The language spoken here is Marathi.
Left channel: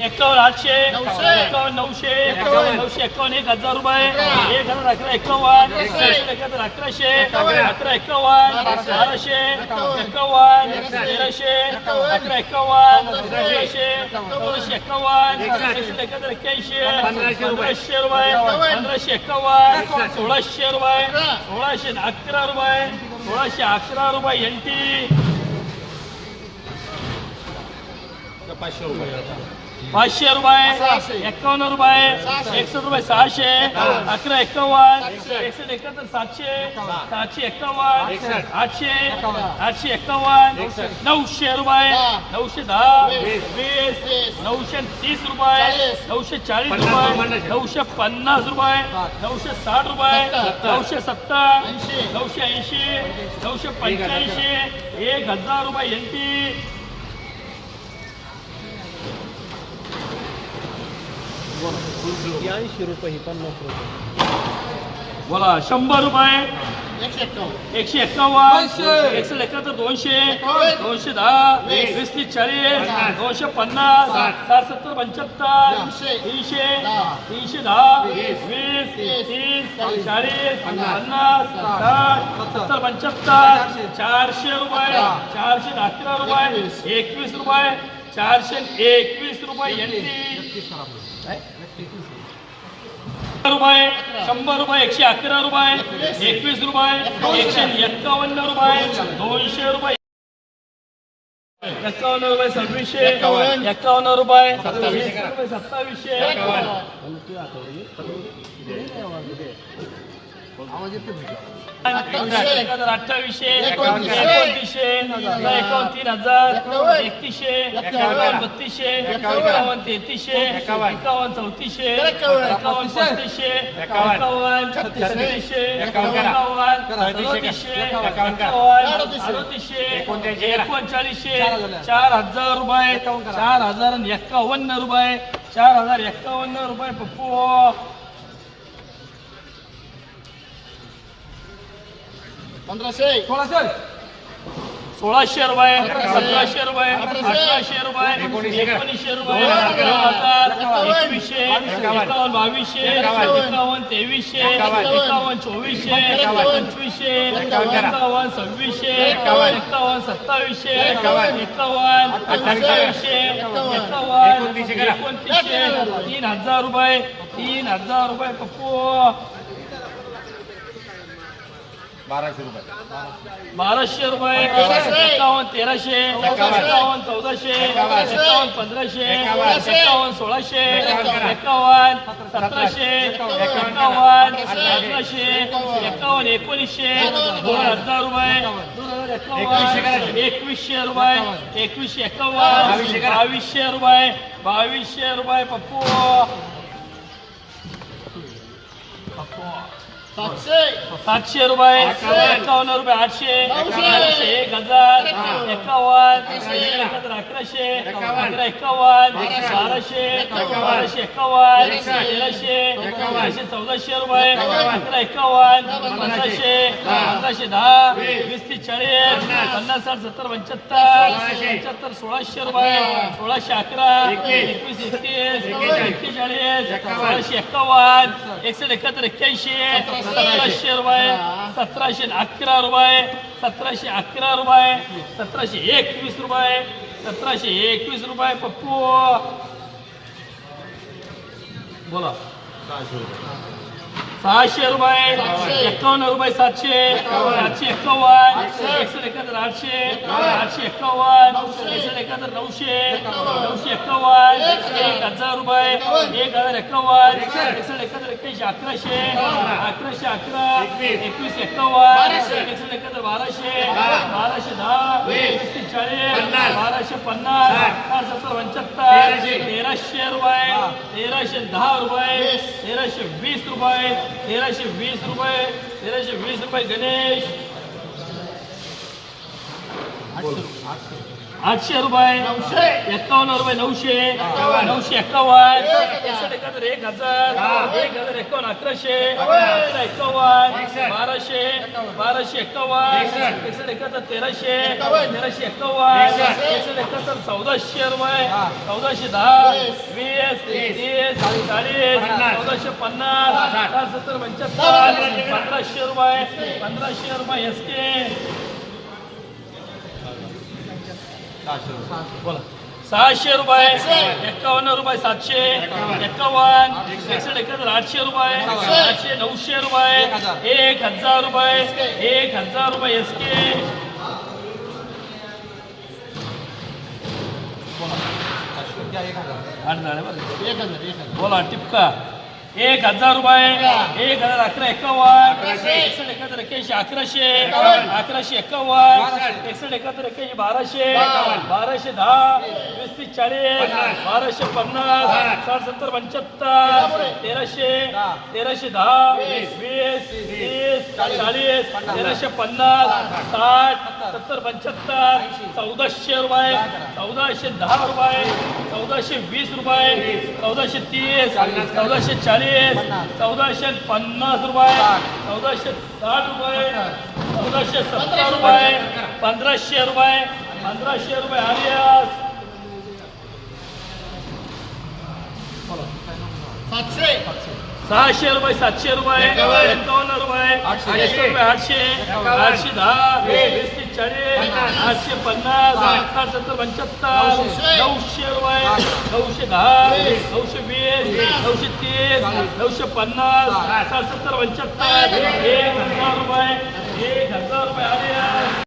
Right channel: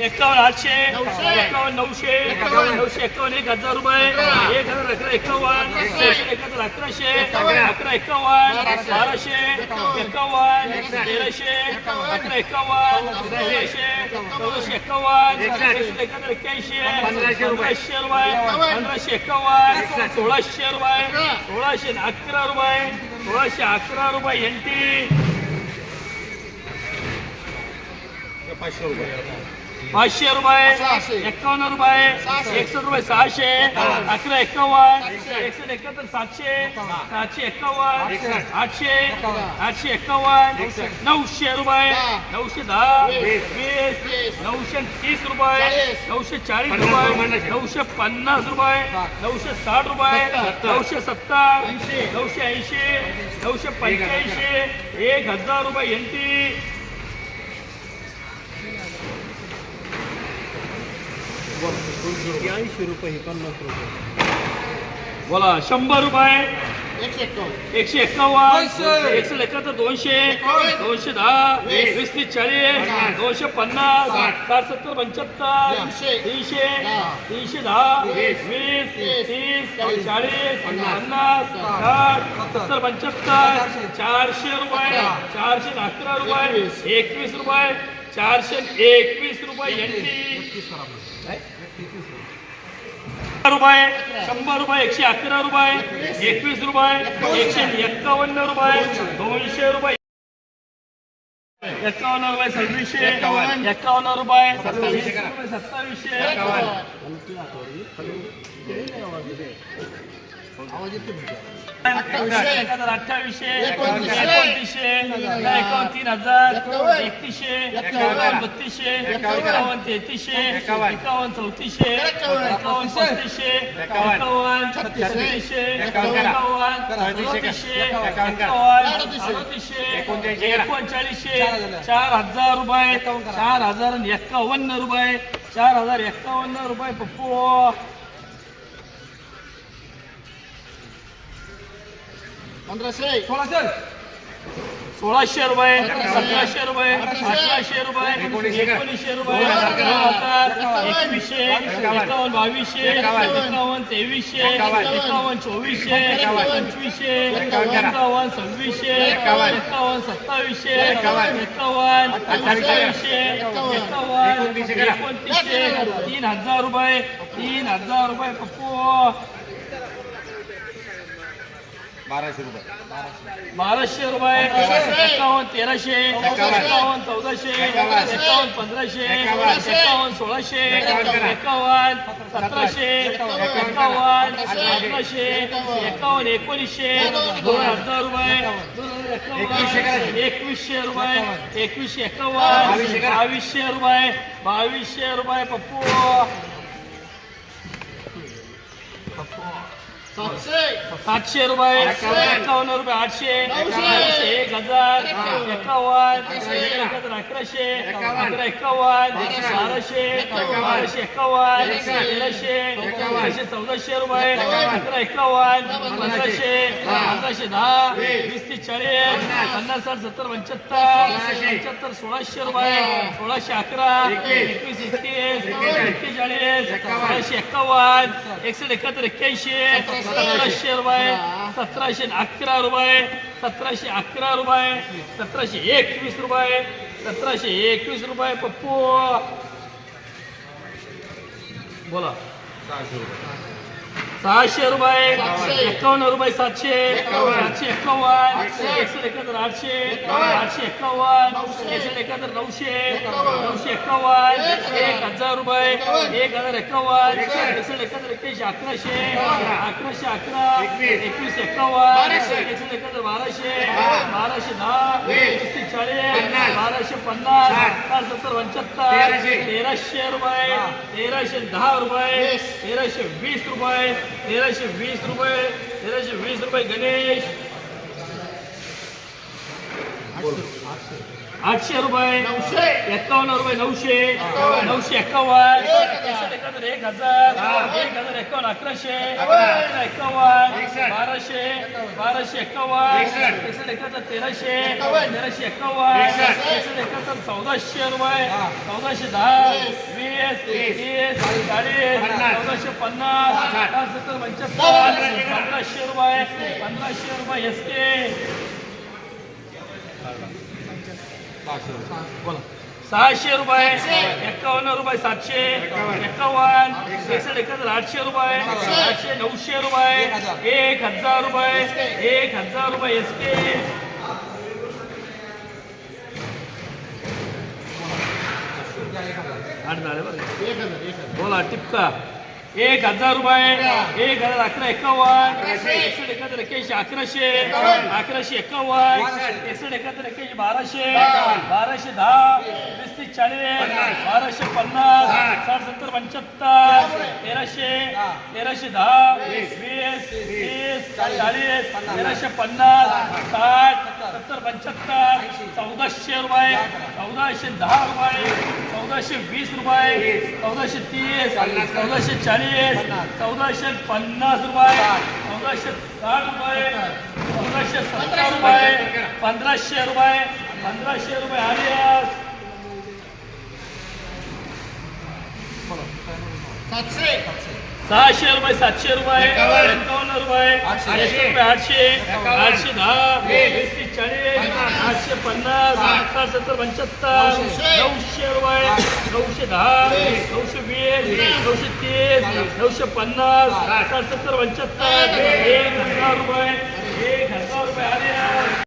एकावन्न आठशे एकावन्न नऊशे नऊशे एकावन्न एक हजार रुपये. एक हजार अकरा एकावन्न एकाहत्तर अकराशे अकरा एकावन्न बाराशे. एकावन्न. तेराशे अकरा एकावन्न तेराशे चौदाशे एकावन्न. एकाहत्तर एक्क्याऐंशी पंधराशे रुपये. पंधराशे एकावन्न. सोळाशे रुपये सोळाशे अकरा रुपये सोळाशे अकरा रुपये एनटी पाचशे रुपये. एकावन्न रुपये एकसष्ट रुपये सहाशे अकरा एकावन्न एकसष्ट. एकाहत्तर सातशे सातशे एकावन्न आठशे आठशे एकावन्न नऊशे रुपये नऊशे दहा वीस. नऊशे तीस रुपये नऊशे चाळीस रुपये नऊशे पन्नास रुपये नऊशे साठ रुपये नऊशे सत्तर नऊशे ऐंशी नऊशे पंच्याऐंशी एक हजार रुपये एनटी बोला शंभर रुपये. एकशे एक्कावन्न. एकशे एकाहत्तर दोनशे. दोनशे दहा. वीस. तीस चाळीस. दोनशे पन्नास. साठ. सत्तर पंच्याहत्तर. तीनशे. तीनशे दहा. वीस. तीस. चाळीस. पन्नास. साठ. सत्तर. पंच्याहत्तर. चारशे. रुपये. चारशे अकरा रुपये. एकवीस. रुपये. चारशे एकवीस रुपये. रुपये शंभर रुपये एकशे अकरा रुपये एकवीस रुपये एकशे एक्कावन्न रुपये दोनशे रुपये. एक्कावन्न रुपये सव्वीसशे. एक्कावन्न. रुपये सत्तावीसशे. रुपये सत्तावीसशे. अठ्ठावीसशे. एकोणतीसशे. एकावन्न तीन हजार. एकतीसशे. एकावन्न. बत्तीसशे एकावन्न. तेहतीसशे. एकावन्न. चौतीसशे. एकावन्न. पस्तीसशे. एकावन्न. छत्तीसशे. एकावन्न सदतीसशे एकावन्न. अडतीसशे एकोणचाळीसशे. चार हजार रुपये. चार हजार आणि एक्कावन्न रुपये. चार हजार एक्कावन्न रुपये पप्पू. पंधराशे. सोळाशे. रुपये. सतराशे रुपये. अठराशे रुपये. एकोणीसशे. रुपये. दोन हजार एकवीसशे. एकावन्न. बावीसशे. एकावन्न. तेवीसशे. एकावन्न. चोवीसशे. पंचवीसशे. एकावन्न सव्वीसशे. एकावन्न. सत्तावीसशे. एकावन्न. अठ्ठावीसशे. एकावन्न. एकोणतीसशे. तीन हजार रुपये. तीन हजार रुपये पप्पू. बाराशे रुपये. एकावन्न तेराशे एकावन्न. चौदाशे एकावन्न. पंधराशे एकावन्न. सोळाशे एकावन्न सतराशे एकावन्न. अठराशे एकावन्न. एकोणीसशे दोन हजार रुपये एकवीसशे एकवीसशे रुपये एकवीसशे एकावन्न. बावीसशे रुपये बावीसशे रुपये पप्पू. सातशे रुपये एकावन्न रुपये आठशे. एक हजार. एकावन्न अकराशे. अकरा एकावन्न. बाराशे. बाराशे. एकावन्न. तेराशे. तेराशे चौदाशे रुपये. अकरा एकावन्न. पंधराशे पंधराशे दहा. वीस. तीस चाळीस. पन्नास. साठ सत्तर पंच्याहत्तर. पंच्याहत्तर सोळाशे रुपये. सोळाशे अकरा. एकवीस. एकतीस. एक्केचाळीस सोळाशे एकावन्न. एकसष्ट एकाहत्तर एक्क्याऐंशी. सतराशे. रुपये सतराशे अकरा रुपये सतराशे अकरा रुपये सतराशे एकवीस रुपये सतराशे एकवीस रुपये पप्पू. बोला. सहाशे रुपये. एकावन्न रुपये सातशे सातशे एकावन्न एकशे एकाहत्तर आठशे आठशे एकावन्न एकशे एकाहत्तर नऊशे नऊशे एकावन्न एक हजार रुपये एक हजार एकावन्न एकशे एकाहत्तर एक्क्याऐंशी अकराशे अकराशे अकरा एकवीस एकावन्न एकशे एकाहत्तर बाराशे बाराशे दहा एकशे चाळीस बाराशे पन्नास पाच सत्तर पंच्याहत्तर तेराशे रुपये तेराशे दहा रुपये तेराशे वीस रुपये तेराशे वीस रुपये तेराशे वीस रुपये गणेश आठशे रुपये. नऊशे. एक्कावन्न रुपये नऊशे. नऊशे एक्कावन्न एकसष्ट एक हजार. एक हजार एक्कावन्न अकराशे. अकरा एक्कावन्न बाराशे. बाराशे एक्कावन्न एकसष्ट एकाहत्तर तेराशे. तेराशे एक्कावन्न एकसष्ट एकाहत्तर चौदाशे रुपये. चौदाशे दहा. वीस तीस चाळीस चौदाशे पन्नास साठ सत्तर पंच्याहत्तर पंधराशे रुपये. पंधराशे रुपये एस के बोला. सहाशे रुपये. एक्कावन्न रुपये सातशे. एक्कावन्न एकसष्ट एकाहत्तर आठशे रुपये. आठशे नऊशे रुपये. एक हजार. रुपये. एक हजार रुपये एस के बोला टिपका. एक हजार रुपये एक हजार अकरा एक्कावन्न एकसष्ट एकाहत्तर एक्क्याऐंशी अकराशे अकराशे एक्कावन्न एकसष्ट एकाहत्तर एक्क्याऐंशी बाराशे बाराशे दहा वीस तीस चाळीस बाराशे पन्नास साठ सत्तर पंच्याहत्तर तेराशे तेराशे दहा वीस. तीस. चाळीस तेराशे पन्नास. साठ सत्तर पंच्याहत्तर चौदाशे रुपये चौदाशे दहा रुपये चौदाशे वीस रुपये चौदाशे तीस चौदाशे चाळीस चौदाशे पन्नास रुपये चौदाशे साठ रुपये चौदाशे सत्तर रुपये पंधराशे रुपये पंधराशे रुपये आर्यस सातशे. सहाशे रुपये सातशे रुपये एकावन्न. रुपये आठशे. रुपये आठशे आठशे दहा चाळीस आठशे पन्नास आठशे सत्तर पंच्याहत्तर नऊशे रुपये नऊशे दहा नऊशे वीस नऊशे तीस नऊशे पन्नास आठशे सत्तर पंच्याहत्तर एक हजार रुपये एक हजार रुपये